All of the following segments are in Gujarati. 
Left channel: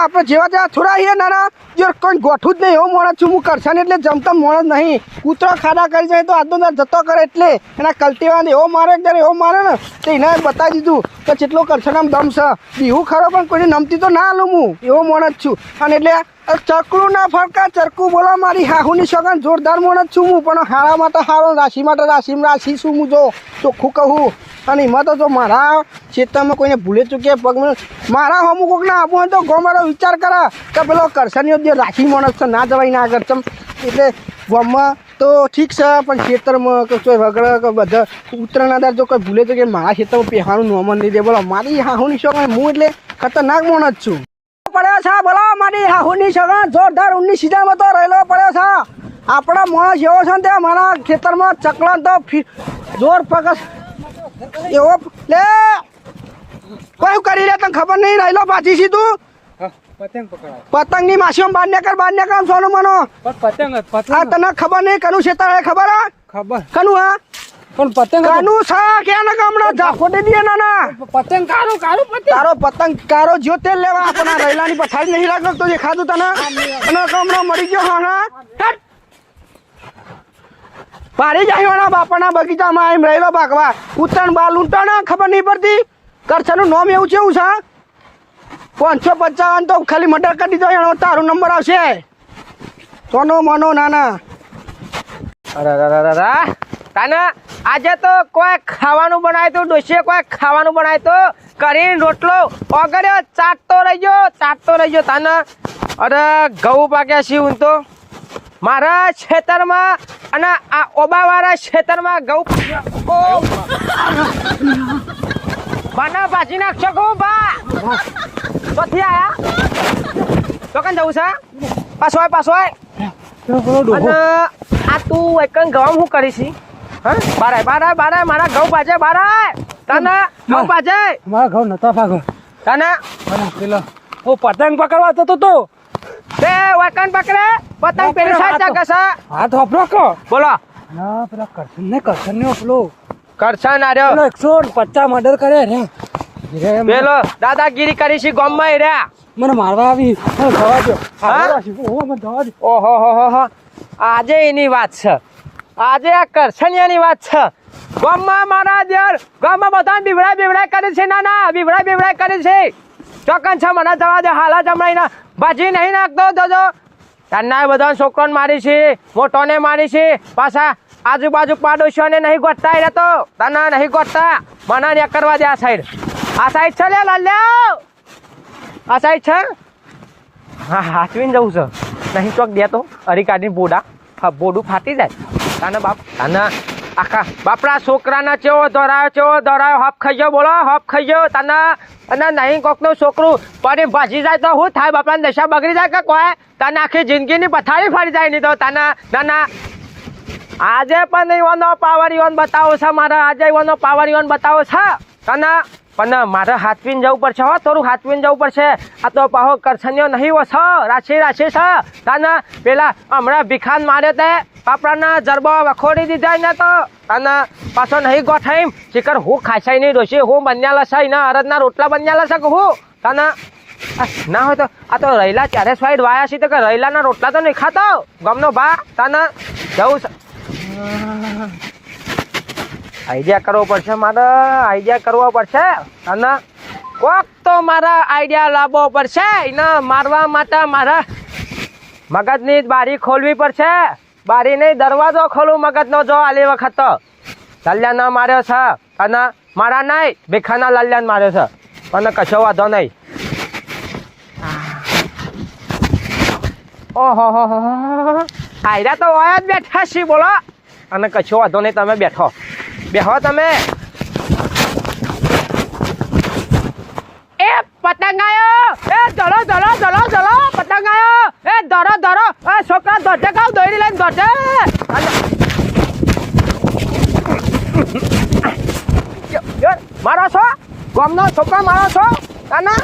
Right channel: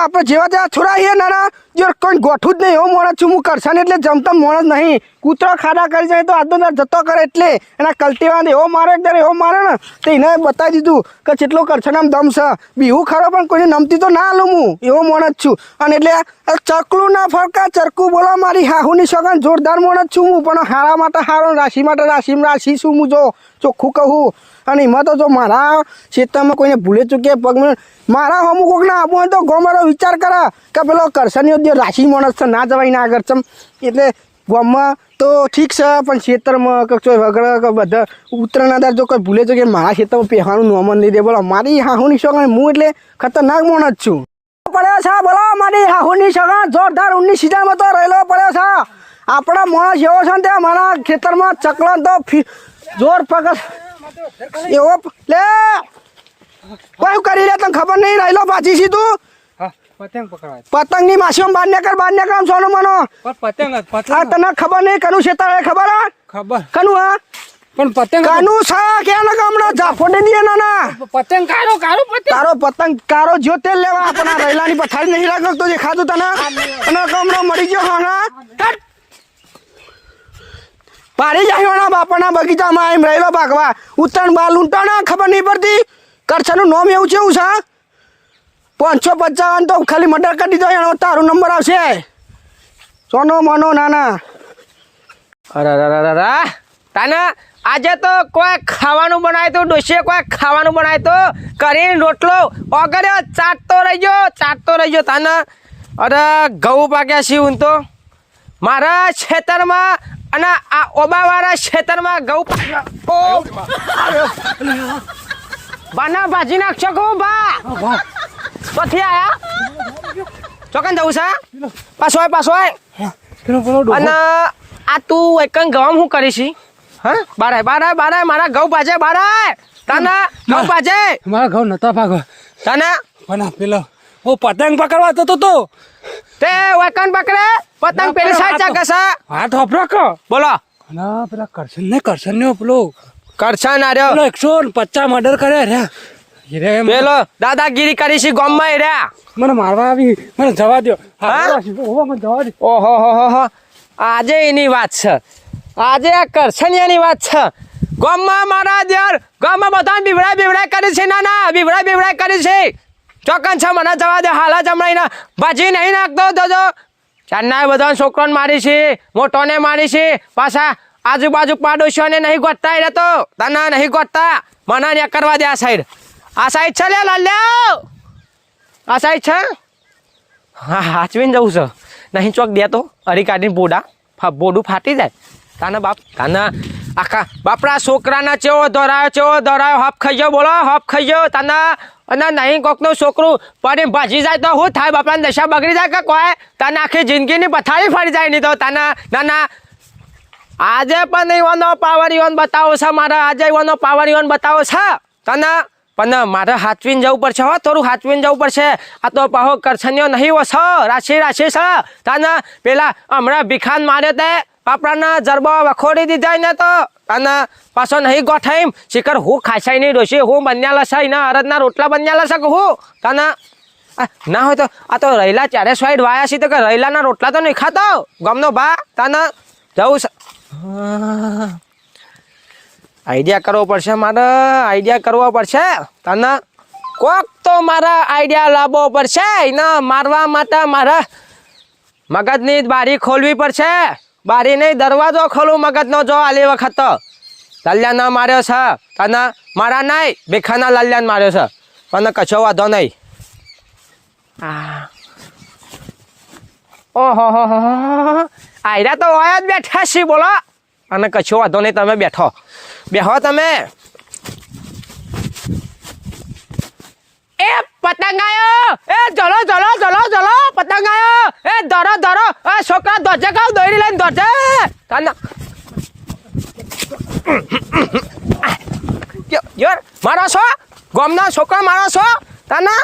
આપણે જેવા તેવા છોડાઈએ ના જો કોઈ ગોઠું જ નહીં એવો માણસ છું હું કરશન એટલે જમતા માણસ નહીં કૂતરો ખાડા કરી જાય તો આજનો જતો કરે એટલે એના કલ્ટીવાન એવો મારે એવો મારે ને તો એને બતાવી દીધું કે જેટલો કરશન આમ દમ છે બીહું ખરો પણ કોઈને નમતી તો ના આલું હું એવો માણસ છું અને એટલે ચકલું ના ફરકા ચરકું બોલા મારી હાહુની સગન જોરદાર માણસ છું હું પણ હારામાં તો હારો રાશિ માટે રાશિ છું હું જો ચોખ્ખું કહું અને એમાં તો જો મારા ક્ષેત્રમાં કોઈને ભૂલે ચૂકે પગ મારા અમુક કોકને આપવું તો ગોમારો વિચાર કરે કે પેલો કરશનીઓ જે રાશિ માણસ છે ના જવાય ના આગળ ચમ એટલે ગામમાં તો ઠીક છે પણ ખેતરમાં કે કોઈ વગર કે બધા ઉત્તરાયણ જો કોઈ ભૂલે ચૂકે મારા ખેતરમાં પહેવાનું નોમન નહીં દે બોલો મારી હાહુની સગન હું એટલે ખતરનાક માણસ છું પડ્યા છે બોલો મારી હાહુની સગન જોરદાર ઊંની સીધામાં તો રહેલો પડ્યો છે આપણા માણસ એવો છે ને ત્યાં મારા ખેતરમાં ચકલા તો જોર પકડ એવો લે કોઈ કરી લે તને ખબર નહીં રહેલો પાછી સીધું પતંગ પકડાય પતંગની માસીઓ બાર નીકળ સોનું મનો પતંગ તને ખબર નહીં કનું છે તારે ખબર હે ખબર કનું હા પણ પતંગ કનું સા કે ના ગામડા જાફો દે દે ના પતંગ કારો પતંગ તારો પતંગ કારો જો તેલ લેવા તને રહેલાની પથારી નહીં લાગતો દેખાતું તને અને ગામડા મરી ગયો હા પાડી જાય ના બાપાના બગીચામાં એમ રહેલો ભાગવા ઉત્તરાયણ બાર લૂંટાણા ખબર નહીં પડતી કરછાનું નામ એવું છે એવું સા 555 તો ખાલી મર્ડર કરી દીધો એનો તારો નંબર આવશે સોનો મનો નાના અરે તાના આજે તો કોઈ ખાવાનું બનાવ્યું તું ડોશીએ કોઈ ખાવાનું બનાવ્યું તો કરીને રોટલો ઓગળ્યો ચાટતો રહી ગયો તાના અરે ઘઉં પાક્યા છે હું તો મારા ખેતરમાં અને આ ઓબાવાળા ખેતરમાં ઘઉં બાના ભાજી નાખશો કહું બા પછી આયા ચોકન જવું છે પાછોય અને આ તું એકન ઘઉં હું કરીશ હા બારાય મારા ઘઉં પાછે બારાય તાના ઘઉં પાછે મારા ઘઉં નતા ભાગો તાના પેલો હું પતંગ પકડવા જતો તો તે વકન પકડે પતંગ પેલા ચાકસા હાથ વાપરો કો બોલો ના પેલા કરશન ને પેલો કરશન આર્યો 150 મર્ડર કરે રે પેલો દાદાગીરી કરી છે ગામમાં રહ્યા મને મારવા આવી મને જવા દો ઓહો આજે એની વાત છે આજે આ કરશનિયાની વાત છે ગામમાં મારા દેર ગામમાં બધા બીવડા કરી છે ના બીવડા કરી છે ચોકન છે મને જવા દે હાલા જમણાઈના ભાજી નહીં નાખતો દોજો ચારના બધા છોકરોને મારી છે મોટોને મારી છે પાછા આજુબાજુ પાડોશીઓને નહીં ગોતતા એ તો તને નહીં ગોતતા મને ને કરવા દે આ સાઈડ છે લે લાલ્યા આ સાઈડ છે હા હાચવીને જવું છે નહીં ચોક દે તો અરી કાઢીને બોડું ફાટી જાય તાના બાપ તાના આખા બાપરા છોકરાના ચેવો દોરાયો હપ ખાઈ ગયો બોલો હપ ખાઈ ગયો તાના અને નહીં કોકનું છોકરું પડી ભાજી જાય તો શું થાય બાપાને દશા બગડી જાય કે કોઈ તાના આખી જિંદગીની પથારી ફરી જાય નહીં તો તાના નાના આજે પણ એવાનો પાવર ઈવન બતાવો છે મારા આજે એવાનો પાવર ઈવન બતાવો છે તાના પણ મારે હાચવીને જવું પડશે હો થોડું હાચવીને જવું પડશે આ તો પાહો કરછનીઓ નહીં વસો રાશિ છે તાના પેલા હમણાં ભીખાન માર્યો તે પાપડાના જરબો વખોડી દીધા ને તો અને પાછો નહીં ગોઠાઈમ શિખર હું ખાસાઈ નહીં ડોશી હું બન્યાલા છે એના અરદના રોટલા બન્યાલા છે કે હું તાના ના હોય તો આ તો રહેલા ચારે સાઈડ વાયા છે તો કે રહેલાના રોટલા તો નહીં ખાતા ગમનો બા તાના જવું છે આઈડિયા કરવો પડશે અને કોક તો મારે આઈડિયા લાવવો પડશે એના મારવા માટે મારા મગજની બારી ખોલવી પડશે બારી નહીં દરવાજો ખોલું મગજનો જો આલી વખત તો લાલ્યાનો માર્યો છે અને મારા નહીં ભીખાના લાલ્યાને માર્યો છે અને કશો વાંધો નહીં ઓહો આયરા તો ઓયા જ બેઠા છીએ બોલો અને કશો વાંધો નહીં તમે બેહો તમે એ પતંગ આયો એ ચલો પતંગ આયો એ ધરો એ છોકરા દોજે કાવ દોડી લઈને દોજે યાર મારો છો ગામનો છોકરા મારો છો તાના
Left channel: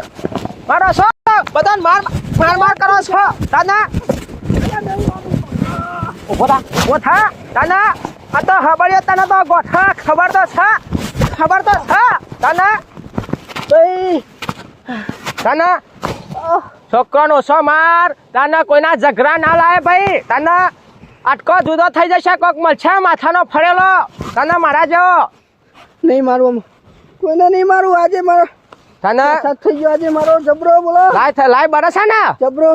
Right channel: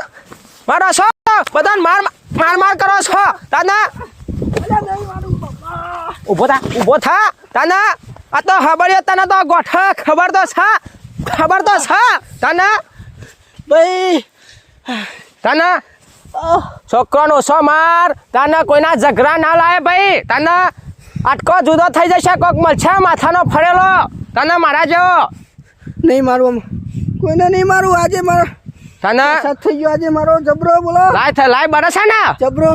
મારો છો બધાને માર કરો છો તાના ઉભો થા તાના આ તો ખબર તને તો ગોઠા ખબર તો છે તને ભાઈ તને છોકરાનો ઓછો માર તને કોઈના ઝઘડા ના લાય ભાઈ તને અટકો જુદો થઈ જશે કોક મળશે માથાનો ફરેલો તને મારા જેવો નહીં મારું આમ કોઈને નહીં મારું આજે મારો તને સાથ થઈ ગયો આજે મારો જબરો બોલો લાય બરસે ને જબરો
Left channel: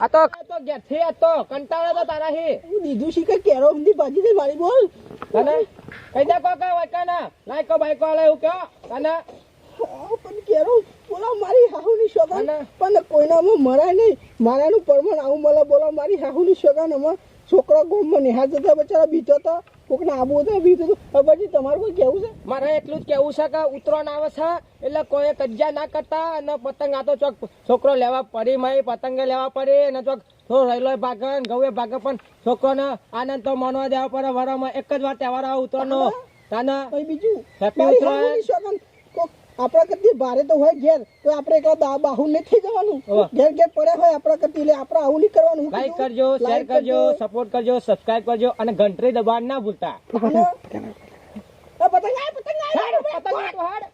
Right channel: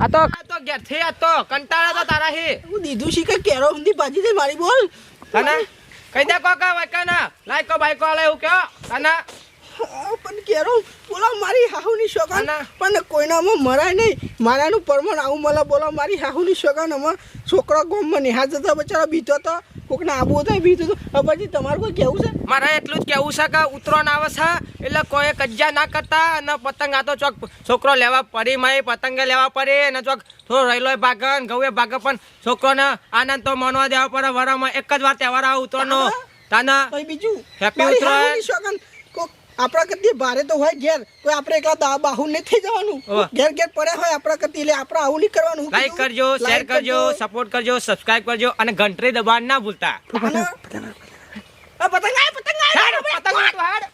આ તો ઘેરથી આ તો કંટાળો તો તારા હી હું દીધું શી કે કેરો ઊંધી ભાજી દે મારી બોલ તને કઈ દે કોકા વૈકા ના લાયકો બાઈકો આલે એવું કયો તને પણ કેરો બોલો મારી હાહુની શોગાન પણ કોઈનામાં મરાય નહીં મારાનું પરમણ આવું મળે બોલો મારી હાહુની શોગાન અમે છોકરા ગોમમાં નિહાળ જતા બચારા બીતો તો કોકને આબુ હતો બીતો તો પછી તમારું કોઈ કેવું છે મારે એટલું જ કેવું છે કે ઉતરોન આવે છે એટલે કોઈ કજ્જા ના કરતા અને પતંગ આ તો ચોક છોકરો લેવા પડી મય પતંગે લેવા પડે અને ચોક થોડો રહેલો ભાગન ઘઉએ ભાગે પણ છોકરોને આનંદ તો માનવા દેવા પડે વરામાં એક જ વાર તહેવાર આવે ઉતરોનો તાના પછી બીજું હેપી મારી ઉતરાયણ. હાહુની શોગાન કોક આપણા કરતી ભારે તો હોય ઘેર તો આપણે એકલા બાહુ નહીં થઈ જવાનું ઓહ. ઘેર ઘેર પડે હોય આપણા કરતી એટલે આપણે આવું નહીં કરવાનું હું લાઈક કીધું? કરજો શેર Like કરજો સપોર્ટ કરજો સબસ્ક્રાઇબ કરજો અને ઘંટડી દબાવવાનું ના ભૂલતા અને- આ પતંગ આય, પતંગ આય. પતંગ